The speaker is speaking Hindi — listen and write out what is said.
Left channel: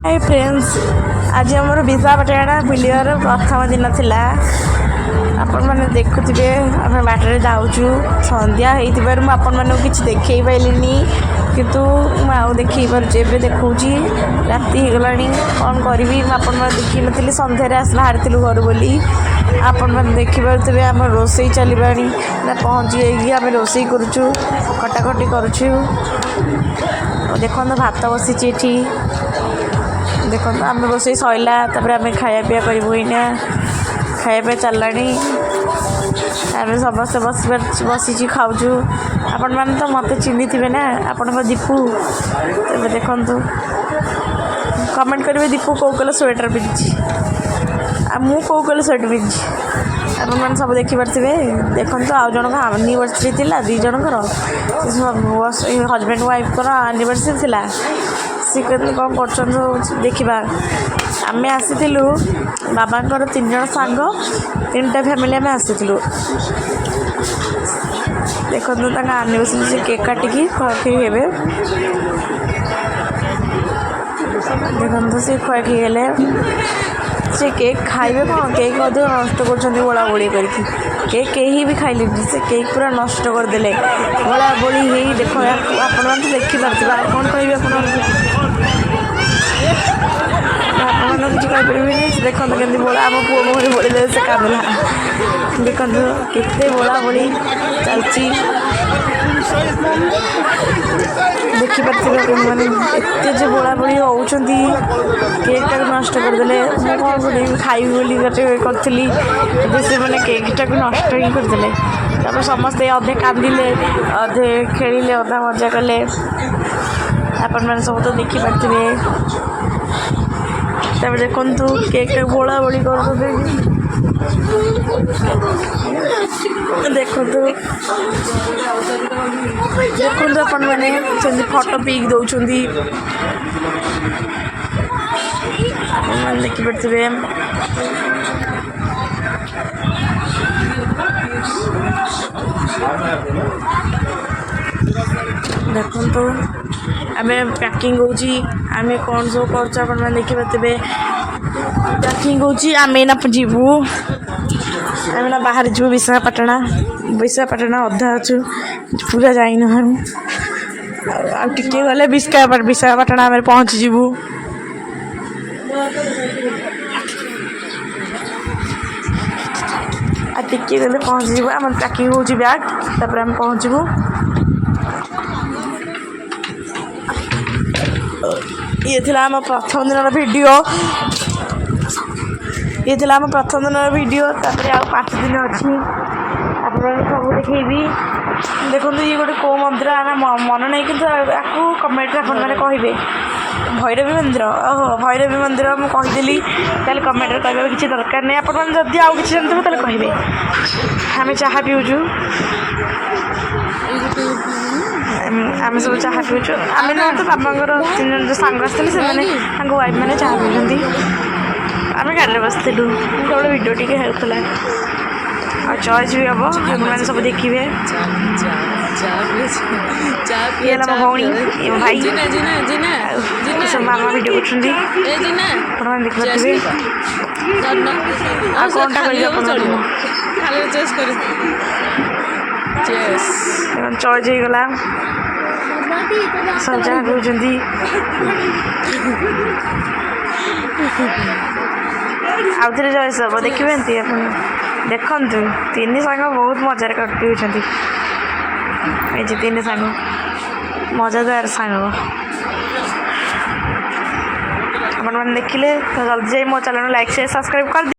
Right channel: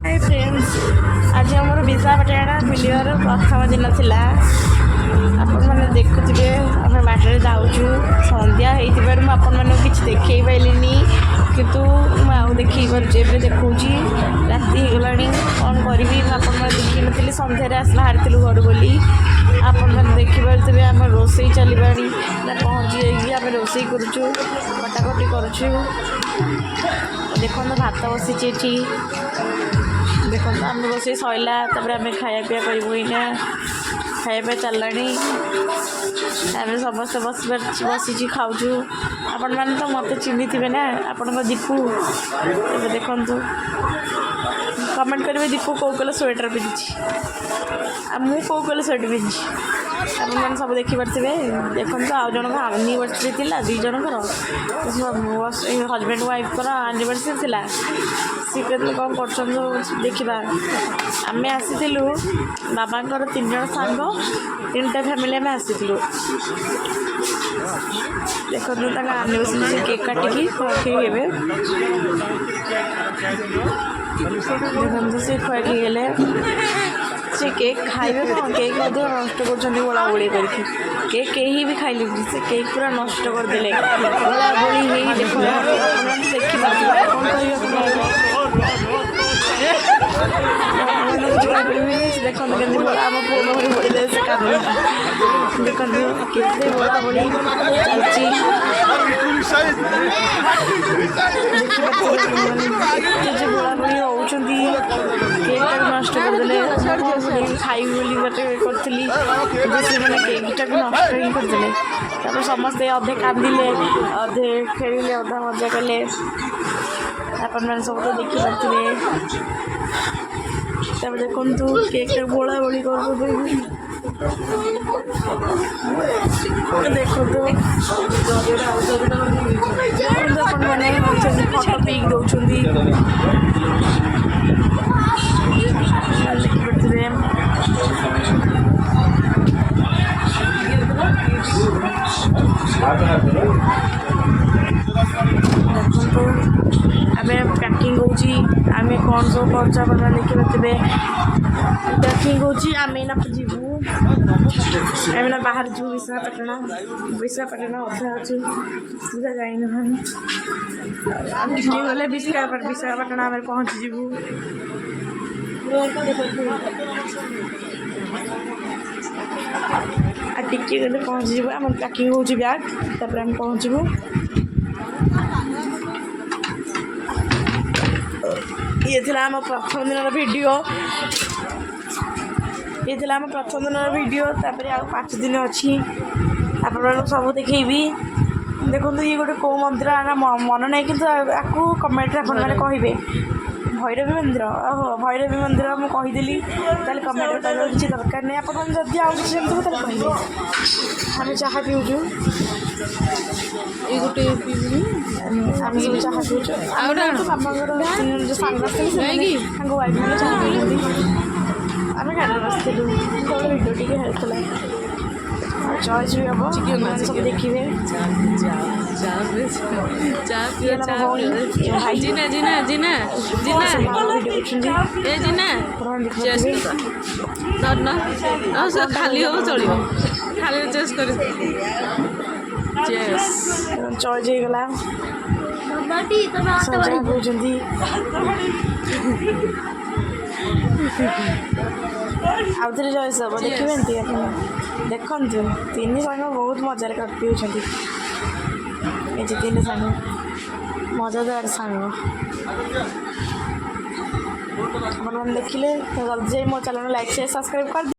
हाय फ्रेंड्स, आज आमर विशाखापाटना बुलियार प्रथम दिन थिला। आपण मैंने देखुवे आम बाटर जाऊँ सन्ध्या होती आपण मानक किसी देखे पाइलिनी किंतु आउ देखे पारे देखा राति होगला कौन करी आपण मैंने देखी नी सन्धार आस बाहरी घर बोली आपण मैंने देखिपे आम रोसे चलवा पहुँची आम रोसे करुचु कटाकटी करुचु। देखो भात बसी देखो आम रोसे सैला आम खाया पीया करूँ खाया चलला आम समस्त बसी खाऊँ। आपण मैंने तो मत चिन्ही थे ना आपण दीपू देखु कमेंट करेंगे दीपू कौ कलर स्वेटर पिंधि मु कौ कलर स्वेटर पिंधि आपण मैंने सब देखिपे। देखो आउ जन आनिवर्सरी थी दी जनकर हजबैंड वाइफ आनिवर्सरी थी सी कहते कौन कर देखा आम आसीलु बाबा 3 जन सांग 3टा फैमिली आम आसीलु। देखो आनिवर्सरी से केक काटिकी खुआखी हे देखो सी खुआखी हेले से केक खाइबे कौन केक अधिक नष्ट कर बोला बोली करके केक कहीं भी खाइले से केक पूरा नष्ट करदे बोला बोली ही देख आप देखिपे कौन कह किसी कहीपर देखो केमती बोला आम पुओ मुहर बोली दे से कांदला देखो केते बोला बोली चलती देखिपे मैंने एत बोला बोली रोचंती केकटा नष्ट करदे कौन खाइबी बोली गोटे करी से मैंने केकटा नष्ट ही करदे तापर समस्ते अधे कांदिले अधे खेलिले अधा मजा कले आपण मैंने सब तो देखिपे। तब देखु केक बोला बोली कर देखु देखु अपन मैंने फटो पिक दौरान देखिपे देखु आम पैकिंग होमें कौन सब कर देखिपे पैकिंग होमें जीवु आम ना बाहर जीवु विशाखापाटना अधा अच्छु पूरा जाइन टे गले विशाखापाटना आम पहुँची जीवु। टिके गले पहुँची जीवु आम पैकिंग हो बैग तापर आम पहुँचबू। ये थी आम प्रथम दिन वीडियो ये थी आम प्रथम दिन वीडियो तापर आ 5 दिन अच्छी आप सब देखी देखो ये गोटे कौ मंदिर मन ना कि आपको कमेंट मैंने कहे भैरवी मंदिर ओहो भैरवी मंदिर मुझे कहीदेली तेल कमेंट कह किसी दरकार नहीं आप जब आउ कि जानते तेल कहे आम चाह पीऊँ आम सब चाह पीऊँ आम ना तो बाबांर 3 जन जो सांग आसते से वाइफ मैंने चाह पीछे आम गाड़ी बसलु गोटे वीडियो टी होता और चॉइस भी हम मैंने सब देखिए भौणी भाई सब मामा वीडियो कर देखिए चॉइस होगला सब जगह कहते आउ थे चॉइस हम देखिए देखु 3 सांग बहुत मजार कर पीछे ये 3 सांग मजादार सांग आप देखिले तो जल्दी जाए मो चैनल लाइक शेयर सब्सक्राइब कर